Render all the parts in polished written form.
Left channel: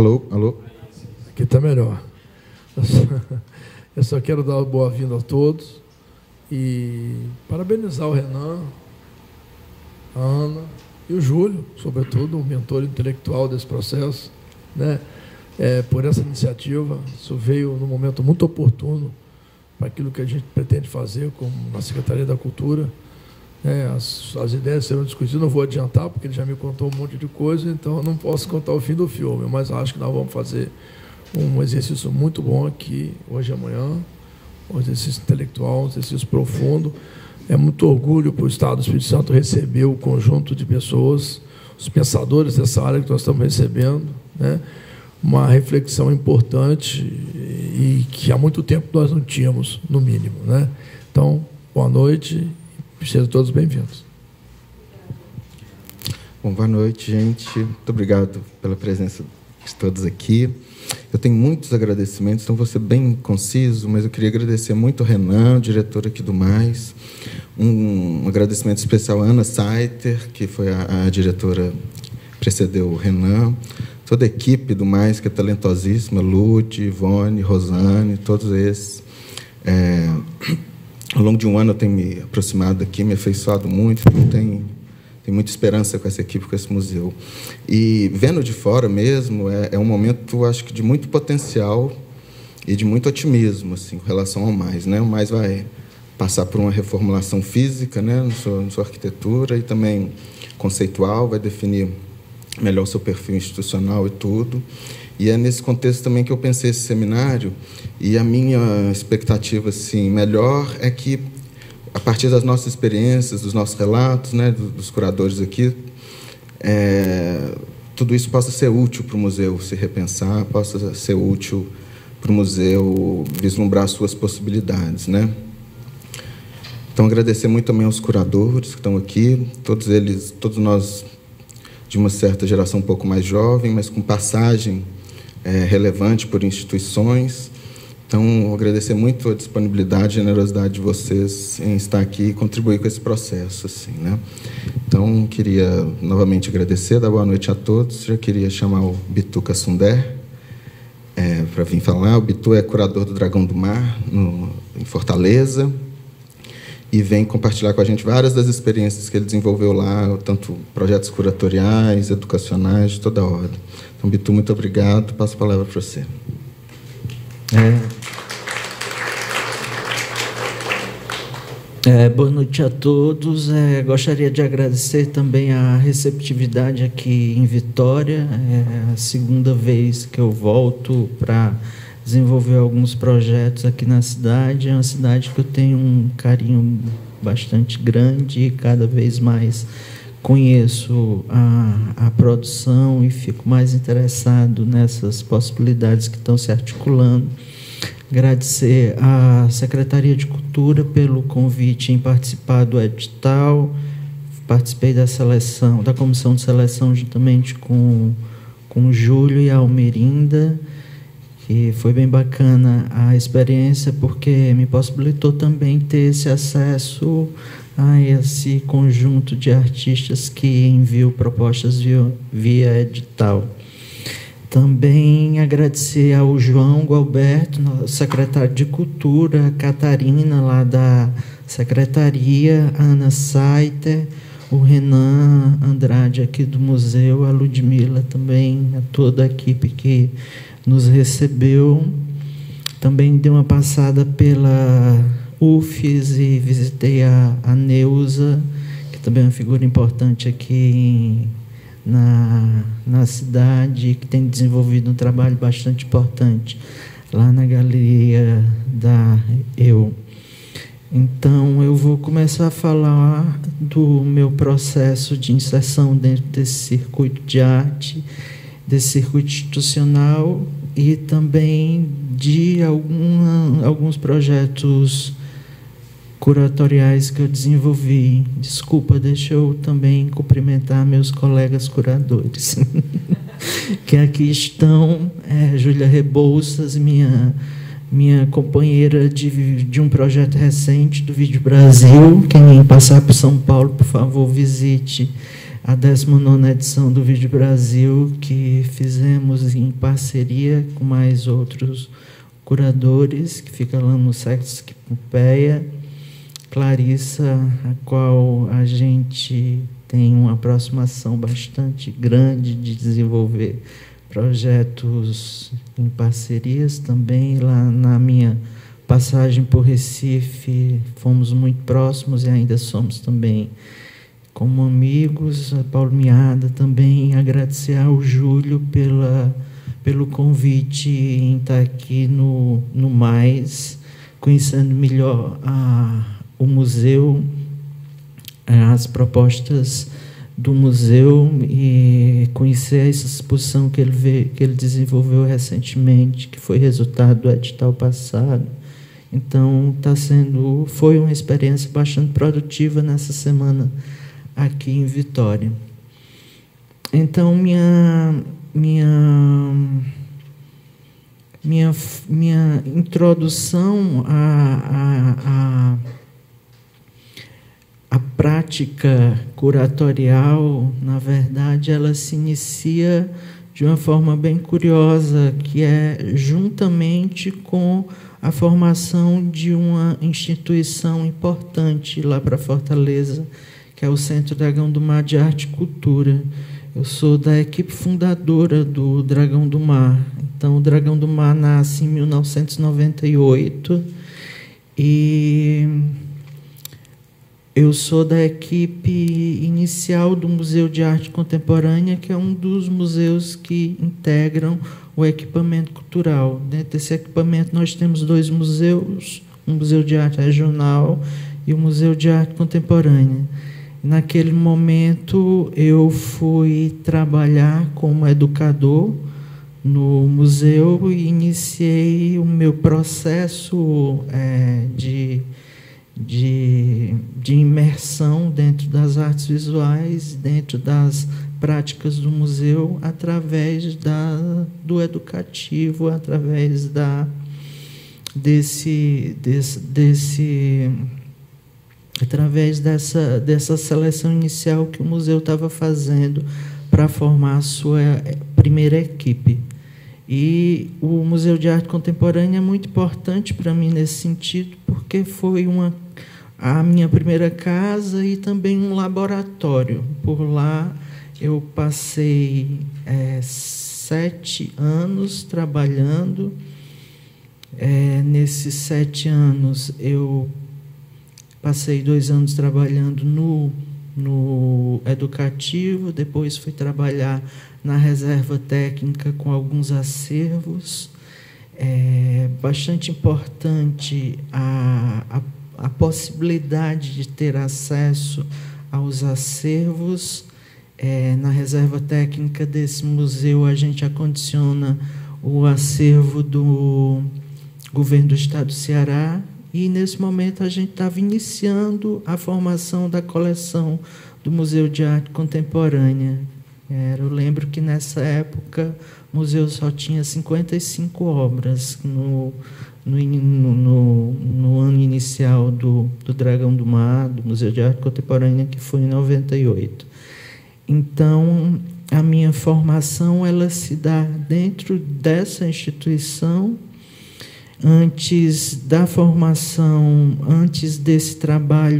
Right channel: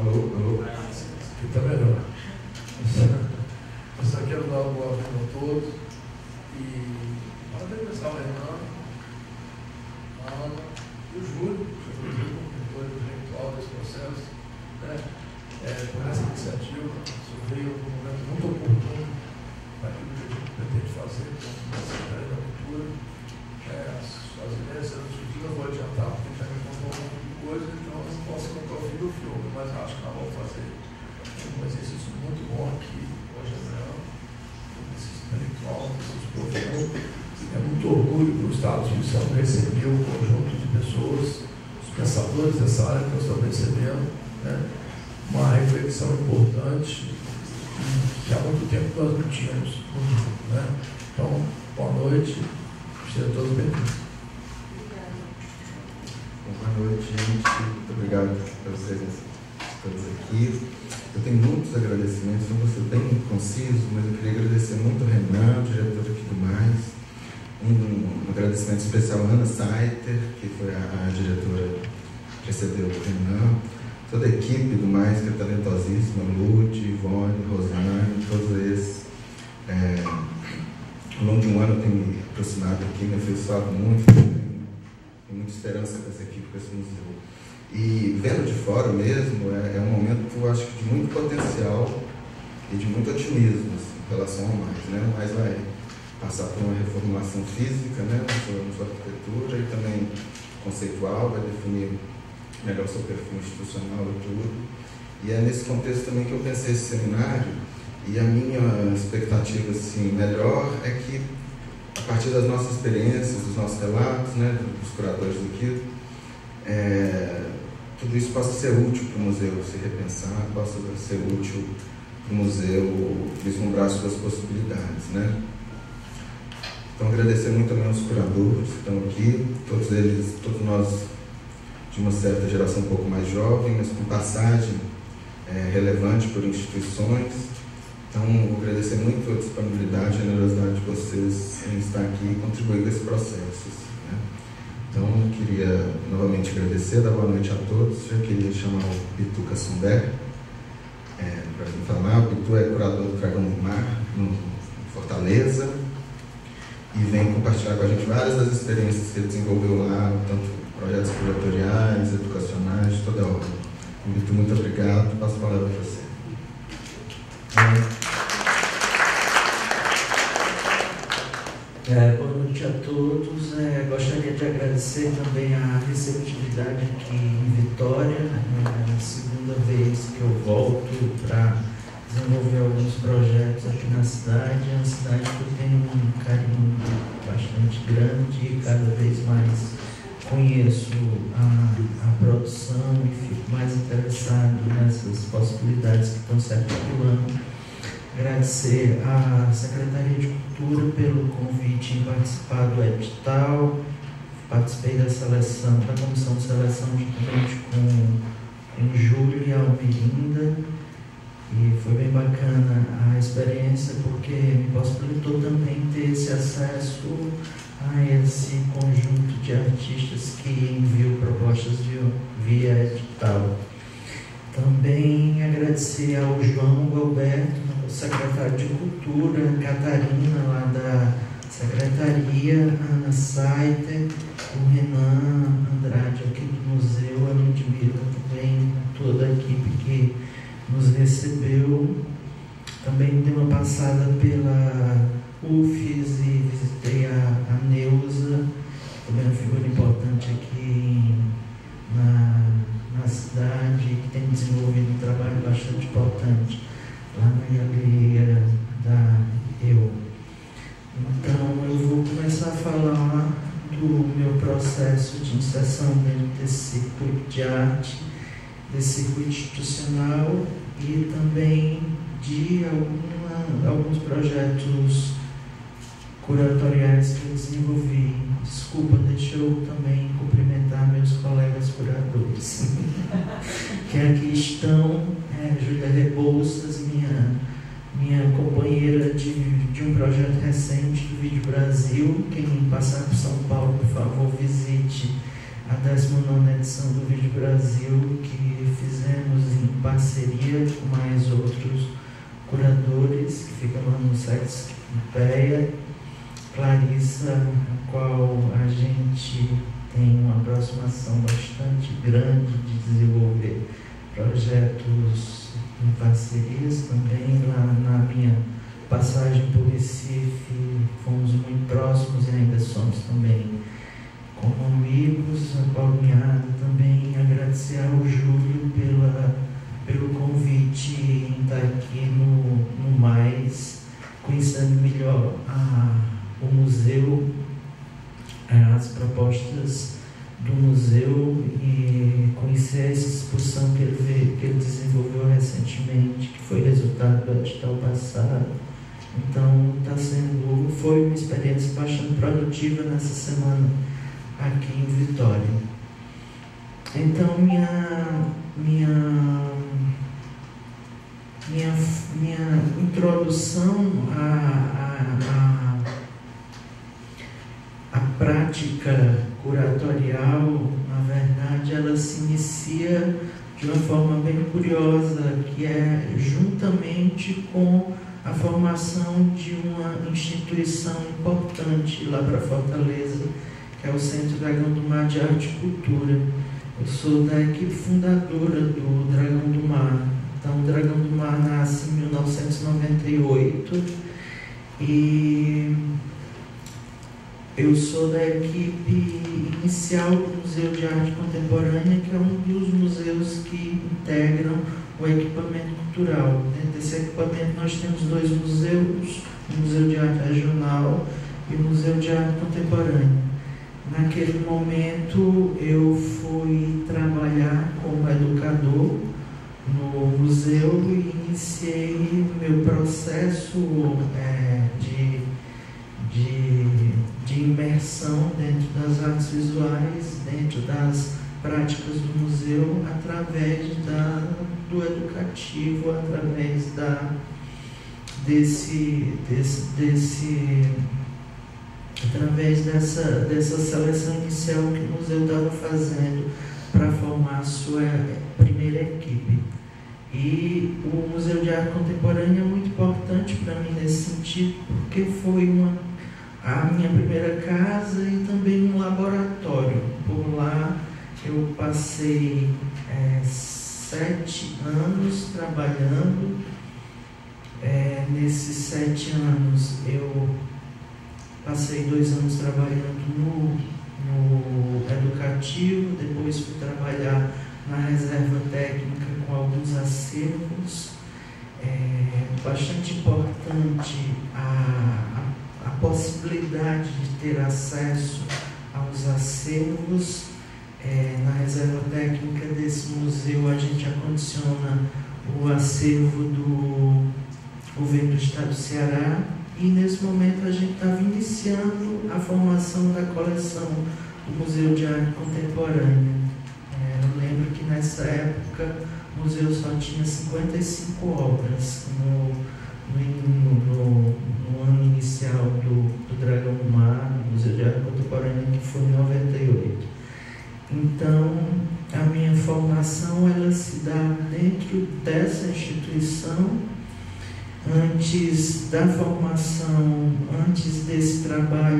Alô, alô? Aqui está melhor. Eu só quero dar uma boa-vinda a todos e parabenizar o Renan, a Ana e o Júlio, sobretudo, o mentor intelectual desse processo, né? Por essa iniciativa. Isso veio num momento muito oportuno para aquilo que a gente pretende fazer com a Secretaria da Cultura. As ideias serão discutidas, não vou adiantar, porque ele já me contou um monte de coisa, então eu não posso contar o fim do filme, mas acho que nós vamos fazer um exercício muito bom aqui, hoje e amanhã, um exercício intelectual, um exercício profundo. É muito orgulho para o Estado do Espírito Santo receber o conjunto de pessoas, os pensadores dessa área que nós estamos recebendo, né? Uma reflexão importante e que há muito tempo nós não tínhamos, no mínimo, né? Então, boa noite. Sejam todos bem-vindos. Bom, boa noite, gente. Muito obrigado pela presença de todos aqui. Eu tenho muitos agradecimentos, então vou ser bem conciso, mas eu queria agradecer muito ao Renan, diretor aqui do Mais. Um agradecimento especial à Ana Saiter, que foi a diretora que precedeu o Renan. Toda a equipe do Mais, que é talentosíssima, Lud, Ivone, Rosane, todos esses. Ao longo de um ano eu tenho me aproximado aqui, me afeiçoado muito, eu tenho muita esperança com essa equipe, com esse museu. E vendo de fora mesmo, é um momento, acho que, de muito potencial e de muito otimismo, assim, em relação ao Mais, né? O Mais vai passar por uma reformulação física, né, na sua arquitetura, e também conceitual, vai definir melhor seu perfil institucional e tudo. E é nesse contexto também que eu pensei esse seminário. E a minha expectativa, assim, melhor é que, a partir das nossas experiências, dos nossos relatos, né, dos curadores aqui, tudo isso possa ser útil para o museu se repensar, possa ser útil para o museu vislumbrar as suas possibilidades, né? Então, agradecer muito também aos curadores que estão aqui, todos eles, todos nós de uma certa geração um pouco mais jovem, mas com passagem relevante por instituições. Então, agradecer muito a disponibilidade e generosidade de vocês em estar aqui e contribuir com esse processo, assim, né? Então, queria novamente agradecer, dar boa noite a todos. Já queria chamar o Bitu Cassunder para vir falar. O Bitu é curador do Dragão do Mar, em Fortaleza, e vem compartilhar com a gente várias das experiências que ele desenvolveu lá, tanto projetos curatoriais, educacionais, de toda a ordem. Então, Bitu, muito obrigado. Passo a palavra para você. Boa noite a todos. Gostaria de agradecer também a receptividade aqui em Vitória. É a segunda vez que eu volto para desenvolver alguns projetos aqui na cidade. É uma cidade que eu tenho um carinho bastante grande e cada vez mais conheço a produção e fico mais interessado nessas possibilidades que estão se articulando. Agradecer à Secretaria de Cultura pelo convite em participar do edital. Participei da comissão de seleção juntamente com o Júlio e a Almerinda, e foi bem bacana a experiência, porque me possibilitou também ter esse acesso a esse conjunto de artistas que enviam propostas via edital. Também agradecer ao João Gualberto, secretário de Cultura, a Catarina, lá da Secretaria, a Ana Saiter, o Renan Andrade, aqui do museu, a Ludmila também, a toda a equipe que nos recebeu. Também dei uma passada pela UFES e visitei a Neuza, que também é uma figura importante aqui na cidade, que tem desenvolvido um trabalho bastante importante lá na Galeria da Eu. Então, eu vou começar a falar do meu processo de inserção dentro desse circuito de arte, desse circuito institucional, e também de alguns projetos curatoriais que eu desenvolvi. Desculpa, deixa eu também cumprimentar meus colegas curadores, que aqui estão, Júlia Rebouças, minha companheira de um projeto recente do Vídeo Brasil. Quem passar por São Paulo, por favor, visite a 19ª edição do Vídeo Brasil, que fizemos em parceria com mais outros curadores, que fica lá no Sesc Pompeia, Clarissa, a qual a gente tem uma aproximação bastante grande de desenvolver projetos em parcerias também. Lá na minha passagem por Recife, fomos muito próximos e ainda somos também como amigos. A Paulo Miada também, agradecer ao Júlio pelo convite em estar aqui no Mais, conhecendo melhor o museu, as propostas do museu, e conhecer essa exposição que ele desenvolveu recentemente, que foi resultado do edital passado. Então foi uma experiência bastante produtiva nessa semana aqui em Vitória. Então minha introdução à prática curatorial, na verdade, ela se inicia de uma forma bem curiosa, que é juntamente com a formação de uma instituição importante lá para Fortaleza, que é o Centro Dragão do Mar de Arte e Cultura. Eu sou da equipe fundadora do Dragão do Mar. Então, o Dragão do Mar nasce em 1998 e eu sou da equipe inicial do Museu de Arte Contemporânea, que é um dos museus que integram o equipamento cultural. Dentro desse equipamento nós temos 2 museus, o Museu de Arte Regional e o Museu de Arte Contemporânea. Naquele momento eu fui trabalhar como educador no museu e iniciei o meu processo de imersão dentro das artes visuais, dentro das práticas do museu, através do educativo, através através dessa seleção inicial que o museu estava fazendo para formar a sua primeira equipe. E o Museu de Arte Contemporânea é muito importante para mim nesse sentido, porque foi a minha primeira casa e também um laboratório. Por lá eu passei 7 anos trabalhando. Nesses 7 anos eu passei 2 anos trabalhando no educativo, depois fui trabalhar na reserva técnica com alguns acervos. Bastante importante a possibilidade de ter acesso aos acervos. Na reserva técnica desse museu a gente acondiciona o acervo do governo do estado do Ceará, e nesse momento a gente estava iniciando a formação da coleção do Museu de Arte Contemporânea. Eu lembro que nessa época o museu só tinha 55 obras no ano inicial do Dragão do Mar, do Museu de Arte Contemporânea, que foi em 98. Então, a minha formação ela se dá dentro dessa instituição. Antes da formação, antes desse trabalho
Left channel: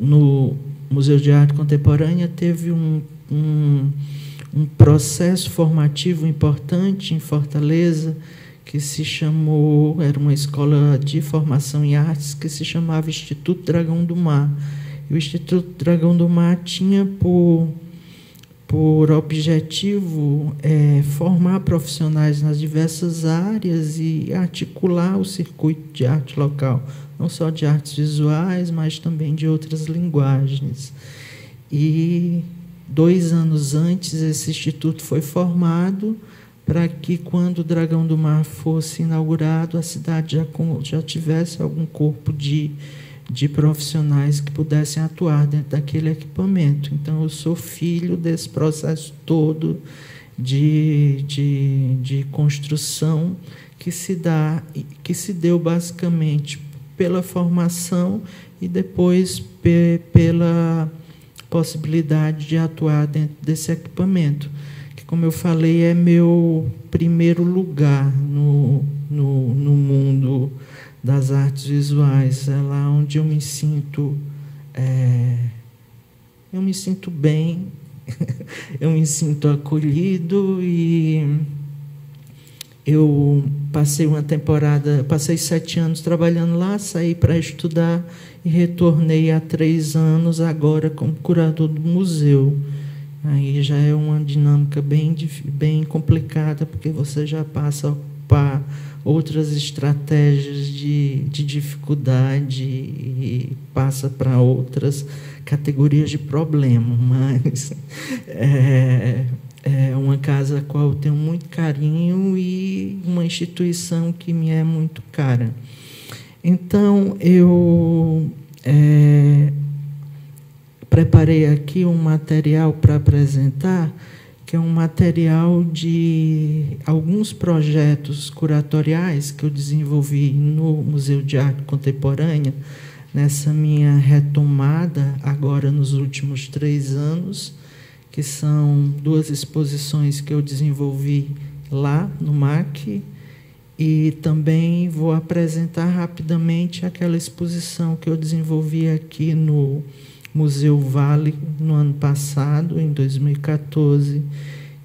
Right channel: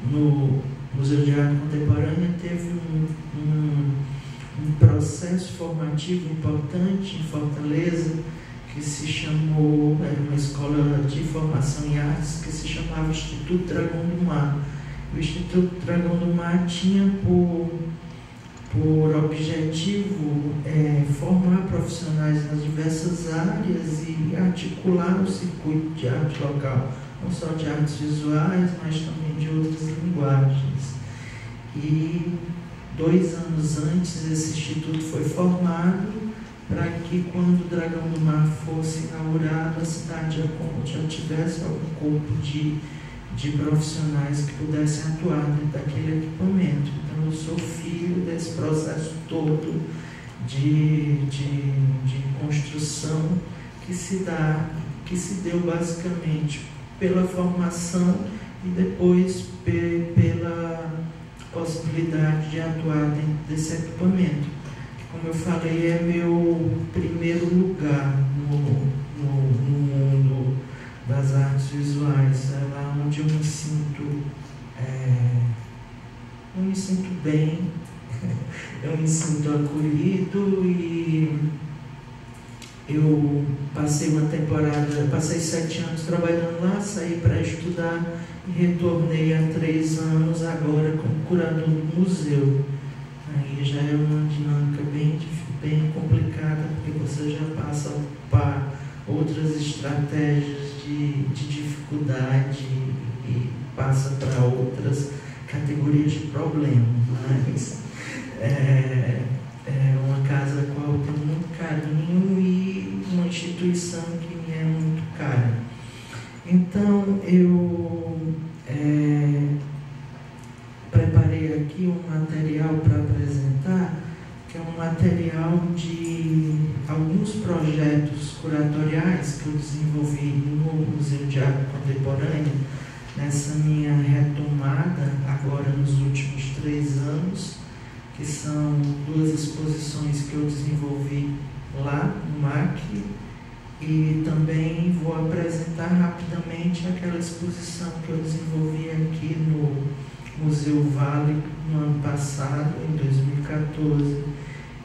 no Museu de Arte Contemporânea, teve um processo formativo importante em Fortaleza, que se chamou, era uma escola de formação em artes, que se chamava Instituto Dragão do Mar. O Instituto Dragão do Mar tinha por objetivo formar profissionais nas diversas áreas e articular o circuito de arte local, não só de artes visuais, mas também de outras linguagens. E 2 anos antes, esse instituto foi formado para que, quando o Dragão do Mar fosse inaugurado, a cidade já tivesse algum corpo de profissionais que pudessem atuar dentro daquele equipamento. Então, eu sou filho desse processo todo de construção que se deu basicamente pela formação e depois pela possibilidade de atuar dentro desse equipamento, que, como eu falei, é meu primeiro lugar no mundo das artes visuais. É lá onde eu me sinto bem, eu me sinto acolhido, e eu passei 7 anos trabalhando lá, saí para estudar e retornei há 3 anos agora como curador do museu. Aí já é uma dinâmica bem complicada, porque você já passa a ocupar outras estratégias de dificuldade e passa para outras categorias de problema, mas é uma casa a qual eu tenho muito carinho e uma instituição que me é muito cara. Então, eu preparei aqui um material para apresentar, que é um material de alguns projetos curatoriais que eu desenvolvi no Museu de Arte Contemporânea, nessa minha retomada agora nos últimos 3 anos, que são 2 exposições que eu desenvolvi lá no MAC, e também vou apresentar rapidamente aquela exposição que eu desenvolvi aqui no Museu Vale no ano passado, em 2014,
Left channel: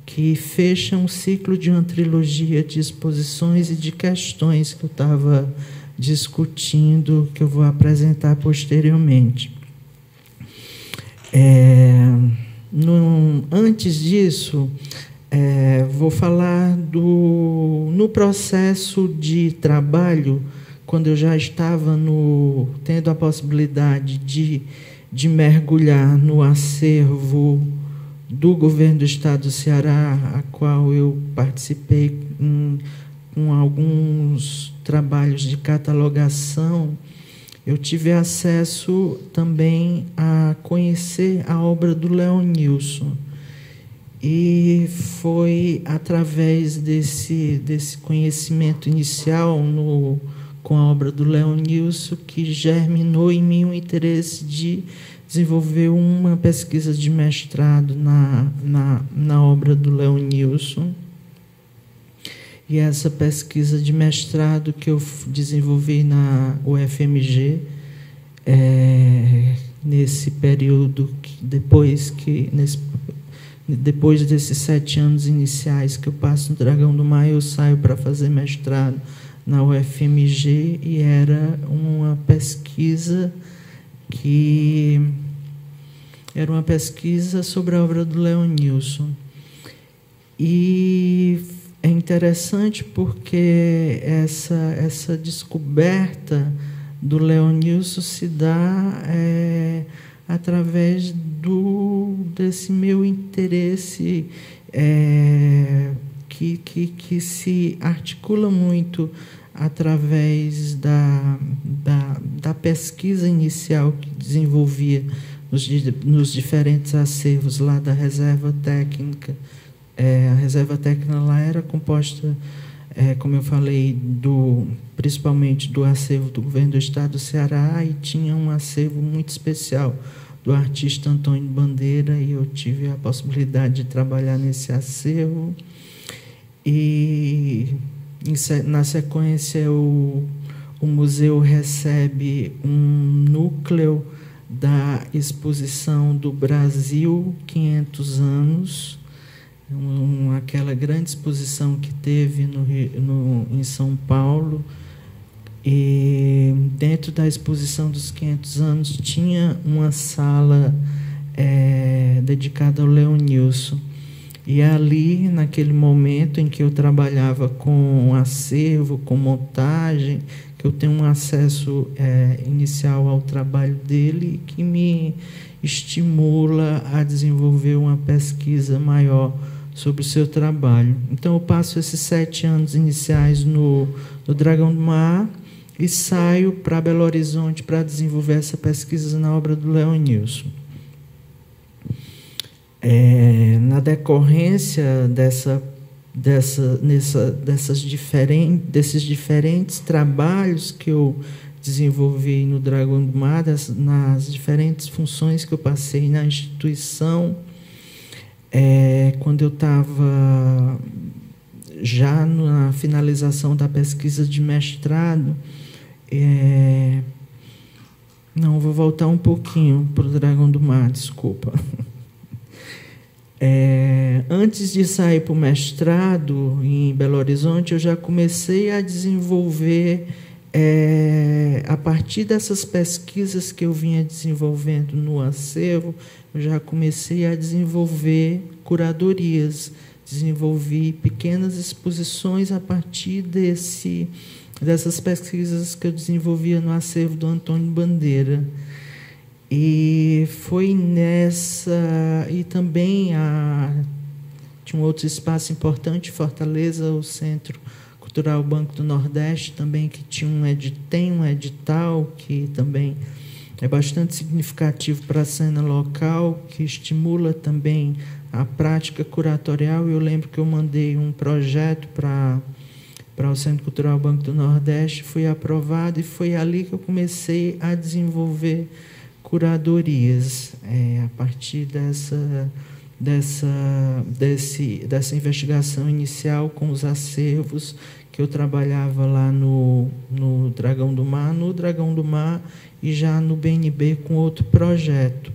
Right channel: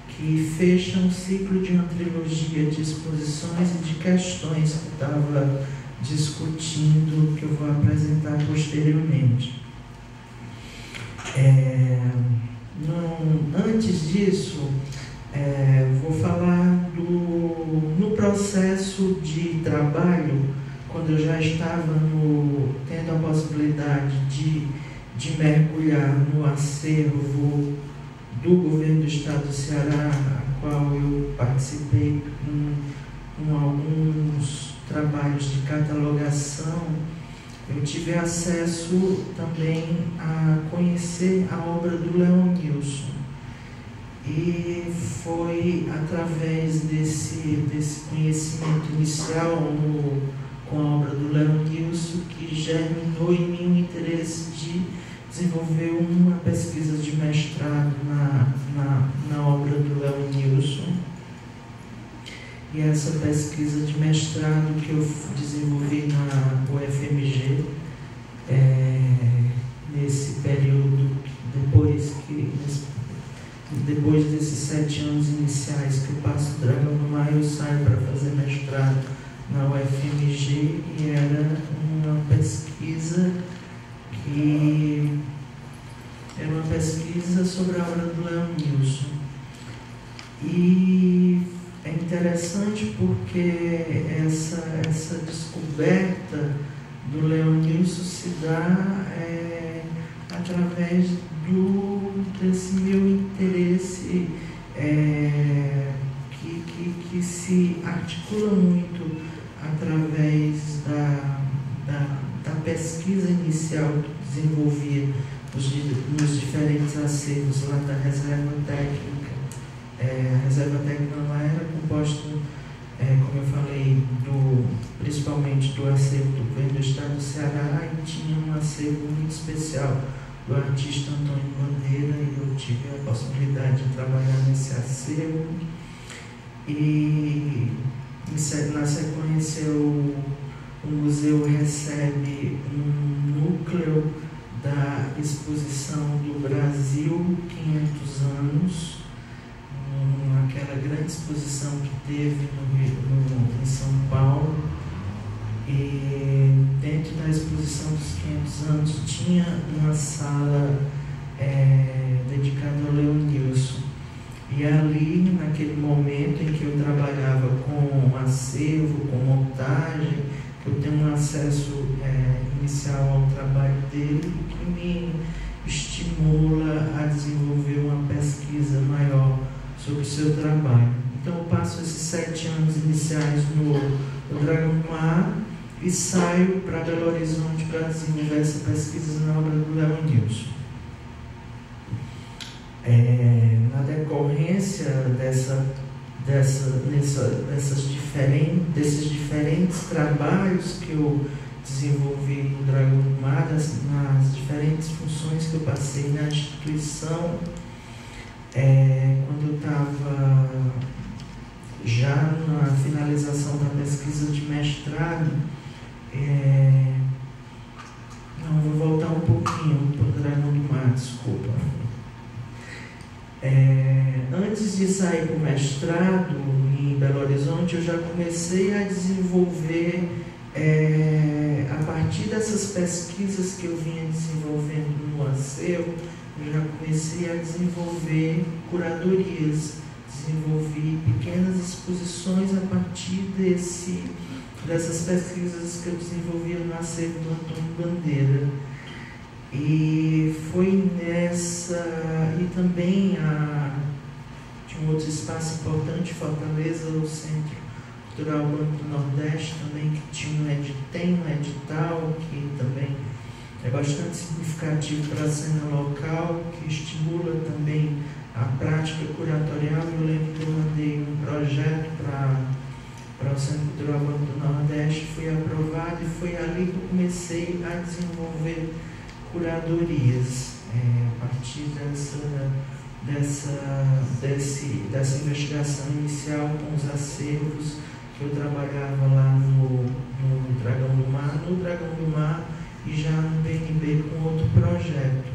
que fecha um ciclo de uma trilogia de exposições e de questões que eu estava discutindo, que eu vou apresentar posteriormente. Antes disso, vou falar no processo de trabalho, quando eu já estava tendo a possibilidade de mergulhar no acervo do governo do estado do Ceará, a qual eu participei com alguns trabalhos de catalogação. Eu tive acesso também a conhecer a obra do Leonilson, e foi através desse conhecimento inicial com a obra do Leonilson que germinou em mim o interesse de desenvolver uma pesquisa de mestrado na obra do Leonilson. E essa pesquisa de mestrado que eu desenvolvi na UFMG, nesse período, depois desses 7 anos iniciais que eu passo no Dragão do Mar, eu saio para fazer mestrado na UFMG, e era uma pesquisa sobre a obra do Leonilson. E é interessante porque essa descoberta do Leonilson se dá através desse meu interesse que se articula muito através da pesquisa inicial que desenvolvia nos diferentes acervos lá da Reserva Técnica. A Reserva Técnica lá era composta, como eu falei, principalmente do acervo do governo do estado do Ceará, e tinha um acervo muito especial do artista Antônio Bandeira, e eu tive a possibilidade de trabalhar nesse acervo. E na sequência o museu recebe um núcleo da exposição do Brasil 500 anos, aquela grande exposição que teve em São Paulo. E dentro da exposição dos 500 anos tinha uma sala dedicada ao Leonilson. E ali, naquele momento em que eu trabalhava com acervo, com montagem, que eu tenho um acesso inicial ao trabalho dele, que me estimula a desenvolver uma pesquisa maior sobre o seu trabalho. Então eu passo esses 7 anos iniciais no Dragão do Mar e saio para Belo Horizonte para desenvolver essa pesquisa na obra do Leonilson. Na decorrência desses diferentes trabalhos que eu desenvolvi no Dragão do Mar, nas diferentes funções que eu passei na instituição. Quando eu estava já na finalização da pesquisa de mestrado, não, vou voltar um pouquinho para o Dragão do Mar, desculpa. Antes de sair para o mestrado em Belo Horizonte, eu já comecei a desenvolver, a partir dessas pesquisas que eu vinha desenvolvendo no acervo, eu já comecei a desenvolver curadorias, desenvolvi pequenas exposições a partir dessas pesquisas que eu desenvolvia no acervo do Antônio Bandeira. E foi nessa... E também tinha um outro espaço importante, Fortaleza, o Centro Cultural Banco do Nordeste, também, que tem um edital que também é bastante significativo para a cena local, que estimula também a prática curatorial. Eu lembro que eu mandei um projeto para o Centro Cultural Banco do Nordeste, fui aprovado, e foi ali que eu comecei a desenvolver curadorias, a partir dessa investigação inicial com os acervos que eu trabalhava lá no Dragão do Mar, e já no BNB com outro projeto.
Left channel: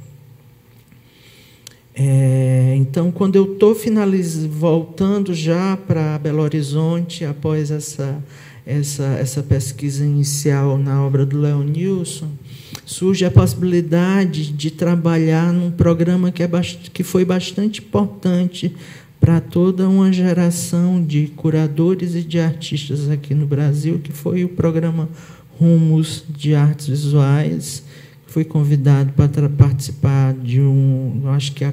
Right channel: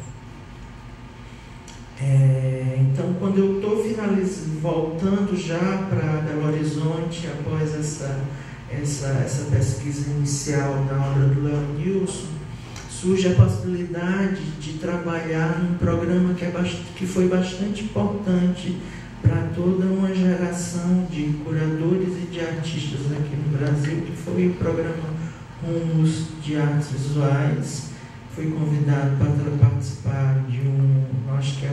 Então, quando eu estou voltando já para Belo Horizonte, após essa pesquisa inicial na obra do Leonilson, surge a possibilidade de trabalhar num programa que foi bastante importante para toda uma geração de curadores e de artistas aqui no Brasil, que foi o programa Rumos de Artes Visuais. Fui convidado para participar de acho que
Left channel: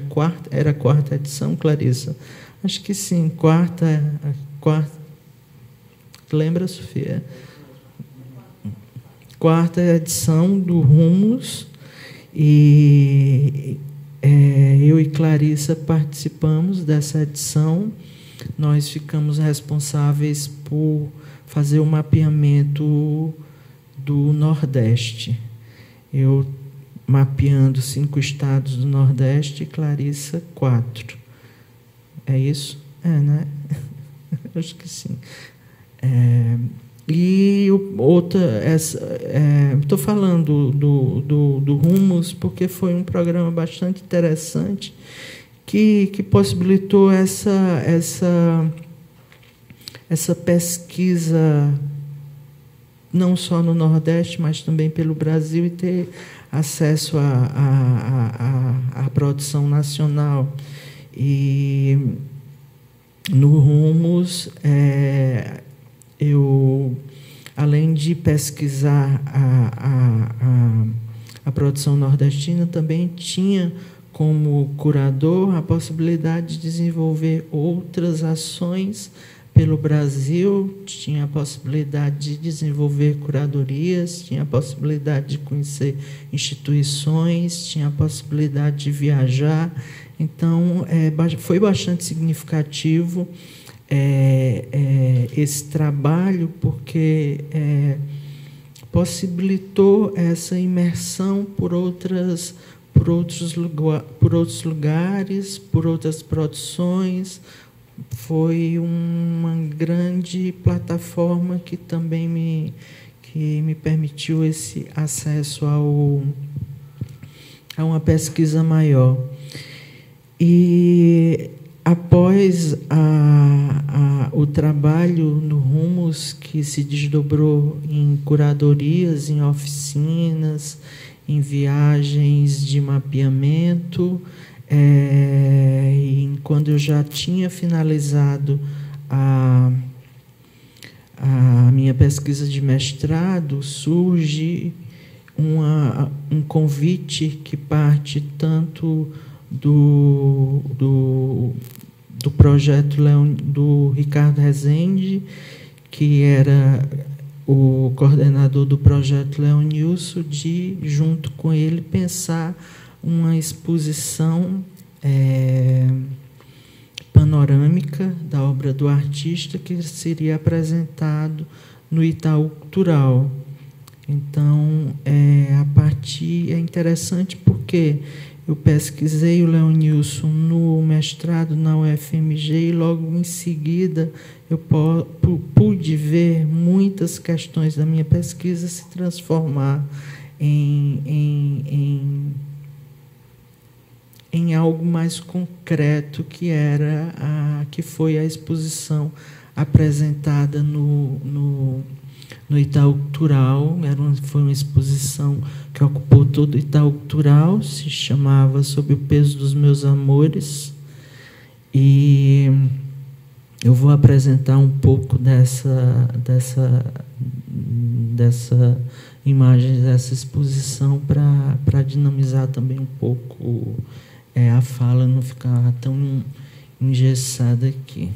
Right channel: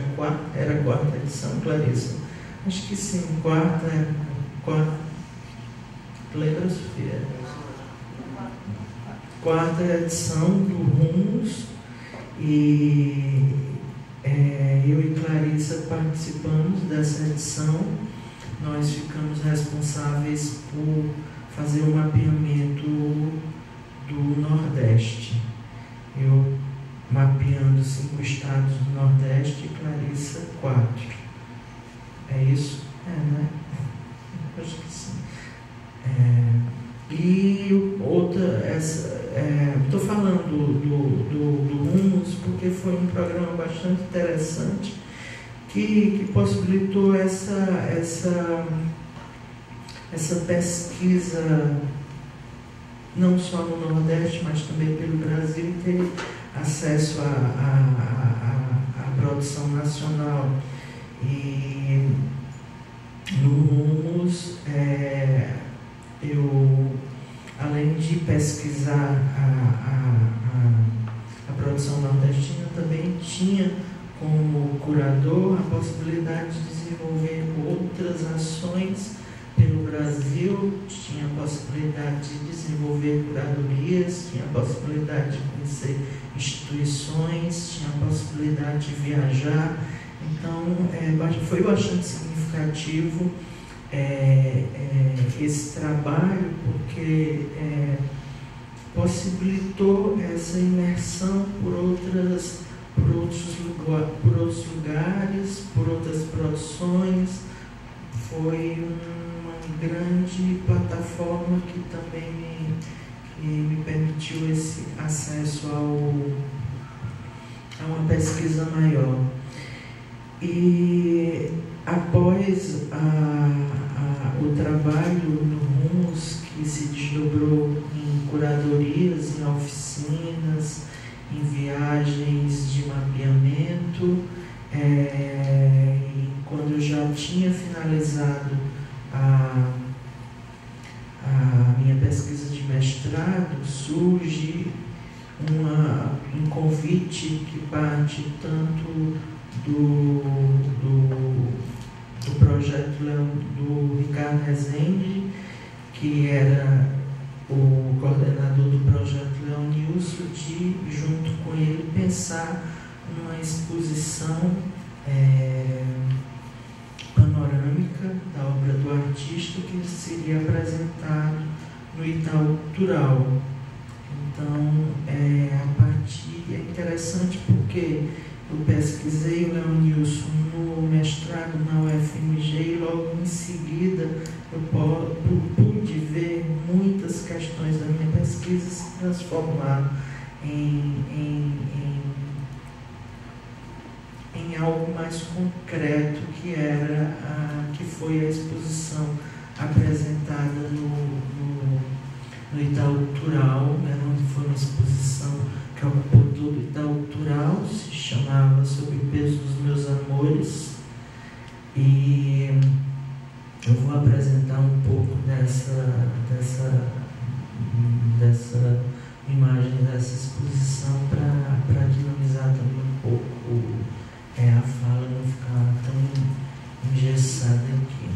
era a quarta edição, Clarissa? Acho que sim, quarta. Lembra, Sofia? Quarta edição do Rumos, e eu e Clarissa participamos dessa edição. Nós ficamos responsáveis por fazer o mapeamento do Nordeste. Eu mapeando 5 estados do Nordeste e Clarissa 4. É isso? Né? Acho que sim. E estou falando do Rumos porque foi um programa bastante interessante que possibilitou essa pesquisa não só no Nordeste, mas também pelo Brasil, e ter acesso à produção nacional. E no Rumos, eu, além de pesquisar a produção nordestina, também tinha como curador a possibilidade de desenvolver outras ações pelo Brasil, tinha a possibilidade de desenvolver curadorias, tinha a possibilidade de conhecer instituições, tinha a possibilidade de viajar. Então, foi bastante significativo esse trabalho, porque possibilitou essa imersão por outros lugares, por outras produções. Foi uma grande plataforma que também me permitiu esse acesso a uma pesquisa maior. E após o trabalho no Rumos, que se desdobrou em curadorias, em oficinas, em viagens de mapeamento, e quando eu já tinha finalizado a minha pesquisa de mestrado, surge um convite que parte tanto do projeto do Ricardo Rezende, que era o coordenador do projeto Leonilson, de, junto com ele, pensar uma exposição panorâmica da obra do artista, que seria apresentado no Itaú Cultural. Então, a partir é interessante porque eu pesquisei o Leonilson no mestrado na UFMG e logo em seguida eu pude ver muitas questões da minha pesquisa se transformar em algo mais concreto, que foi a exposição apresentada no Itaú Cultural. Foi uma exposição que ocupou todo o Itaú Cultural, se chamava Sob o Peso dos Meus Amores, e eu vou apresentar um pouco dessa imagem dessa exposição para dinamizar também um pouco a fala, não ficar tão engessada aqui.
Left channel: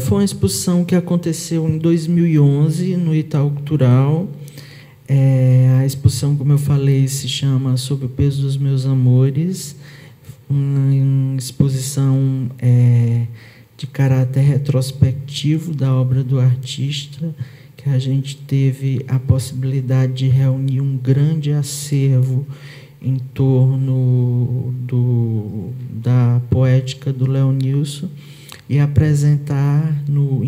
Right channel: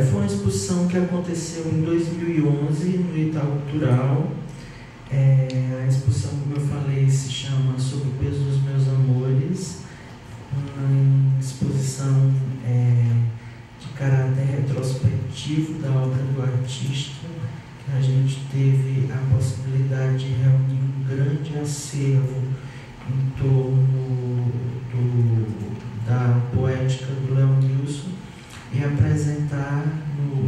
Foi uma exposição que aconteceu em 2011 no Itaú Cultural. A exposição, como eu falei, se chama Sob o Peso dos Meus Amores, uma exposição de caráter retrospectivo da obra do artista, que a gente teve a possibilidade de reunir um grande acervo em torno da poética do Leonilson e apresentar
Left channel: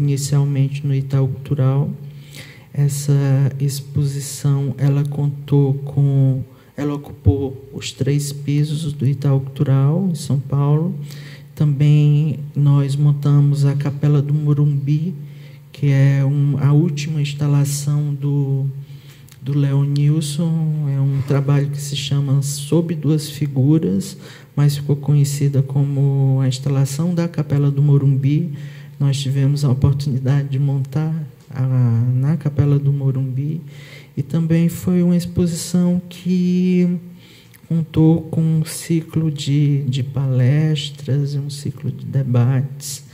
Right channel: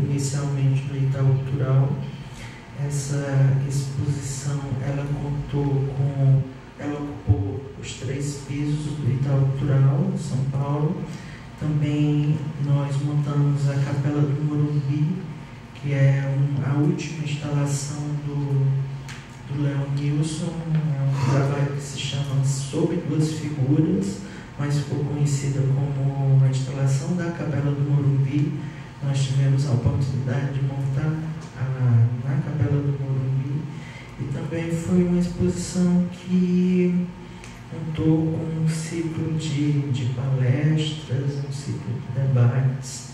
inicialmente no Itaú Cultural. Essa exposição ela ocupou os 3 pisos do Itaú Cultural, em São Paulo. Também nós montamos a Capela do Morumbi, que é a última instalação do Leonilson. É um trabalho que se chama Sob Duas Figuras, mas ficou conhecida como a instalação da Capela do Morumbi. Nós tivemos a oportunidade de montar na Capela do Morumbi, e também foi uma exposição que contou com um ciclo de palestras, um ciclo de debates,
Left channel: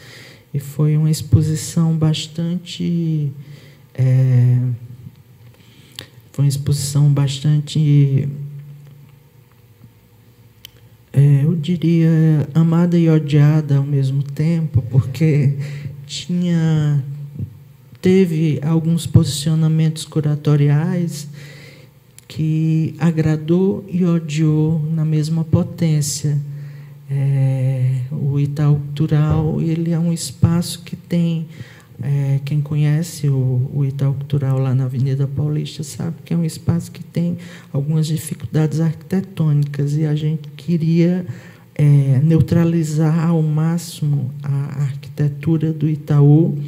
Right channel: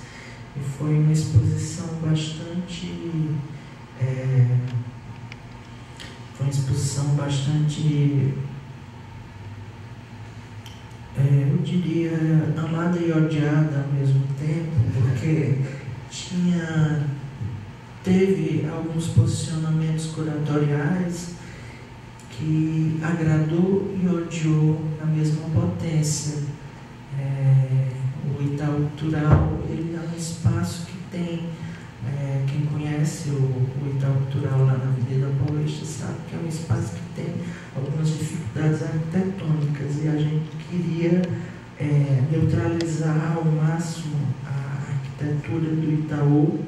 e foi uma exposição bastante eu diria amada e odiada ao mesmo tempo, porque teve alguns posicionamentos curatoriais que agradou e odiou na mesma potência. O Itaú Cultural, ele é um espaço que tem, quem conhece o Itaú Cultural lá na Avenida Paulista sabe que é um espaço que tem algumas dificuldades arquitetônicas, e a gente queria neutralizar ao máximo a arquitetura do Itaú.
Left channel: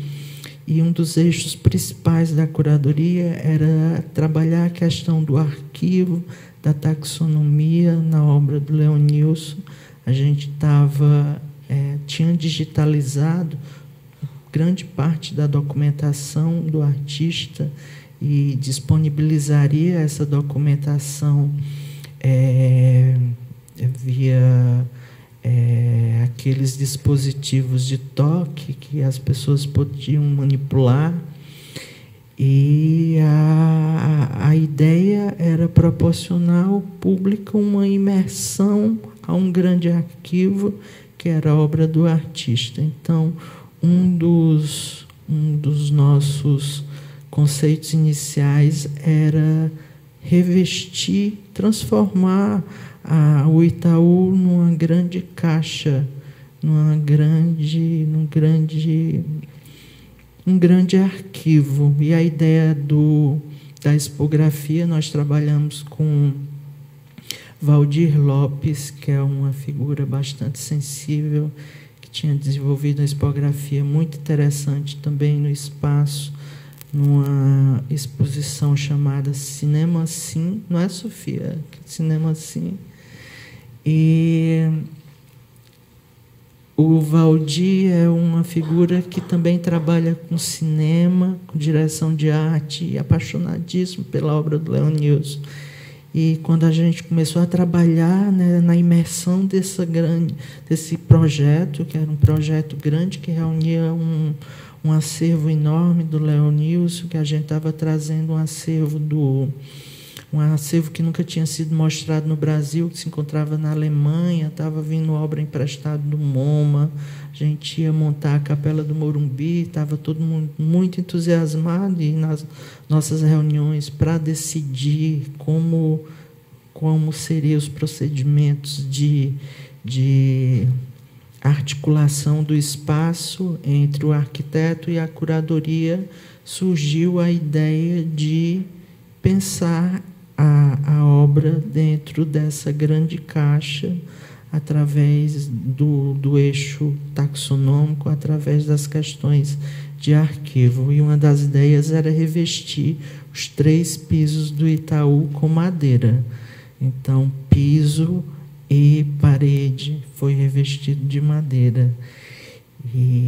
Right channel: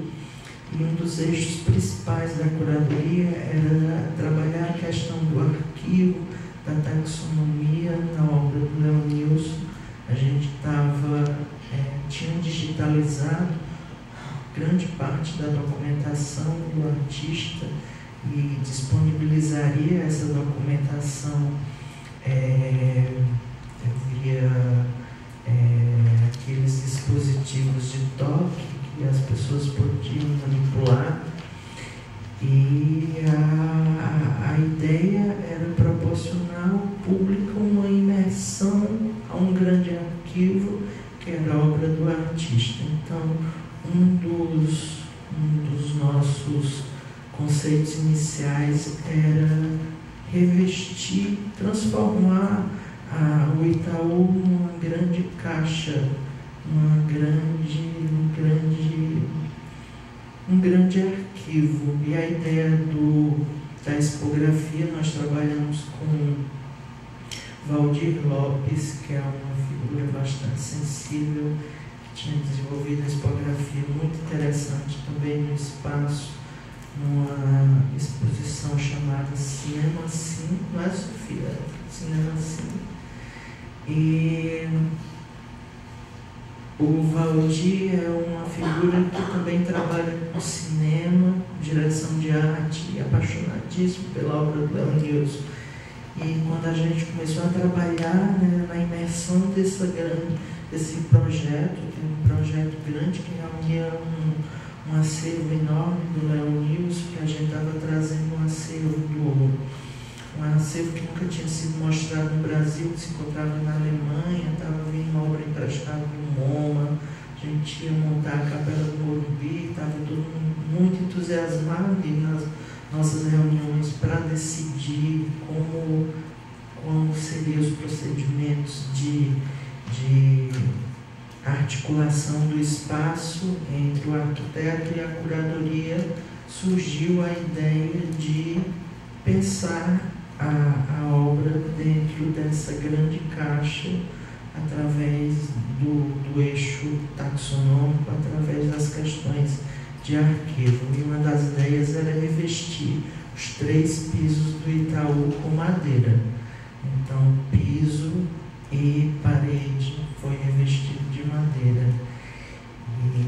E um dos eixos principais da curadoria era trabalhar a questão do arquivo, da taxonomia na obra do Leonilson. A gente tinha digitalizado grande parte da documentação do artista e disponibilizaria essa documentação via aqueles dispositivos de toque que as pessoas podiam manipular, e a ideia era proporcionar ao público uma imersão a um grande arquivo que era a obra do artista. Então, um dos nossos conceitos iniciais era revestir, transformar o Itaú numa grande caixa, um grande arquivo. E a ideia da expografia, nós trabalhamos com Valdir Lopes, que é uma figura bastante sensível, que tinha desenvolvido a expografia muito interessante também no espaço, numa exposição chamada Cinema Sim, não é, Sofia? Cinema Sim. E o Valdir é uma figura que também trabalha com cinema, com direção de arte, e apaixonadíssimo pela obra do Leonilson. E quando a gente começou a trabalhar, né, na imersão desse projeto, que era um projeto grande, que reunia um acervo enorme do Leonilson, que a gente estava trazendo um acervo que nunca tinha sido mostrado no Brasil, que se encontrava na Alemanha, estava vindo obra emprestada do MoMA, a gente ia montar a Capela do Morumbi, estava todo mundo muito entusiasmado, e nas nossas reuniões para decidir como seriam os procedimentos de articulação do espaço entre o arquiteto e a curadoria, surgiu a ideia de pensar a obra dentro dessa grande caixa, através do eixo taxonômico, através das questões de arquivo. E uma das ideias era revestir os 3 pisos do Itaú com madeira. Então, piso e parede foi revestido de madeira. E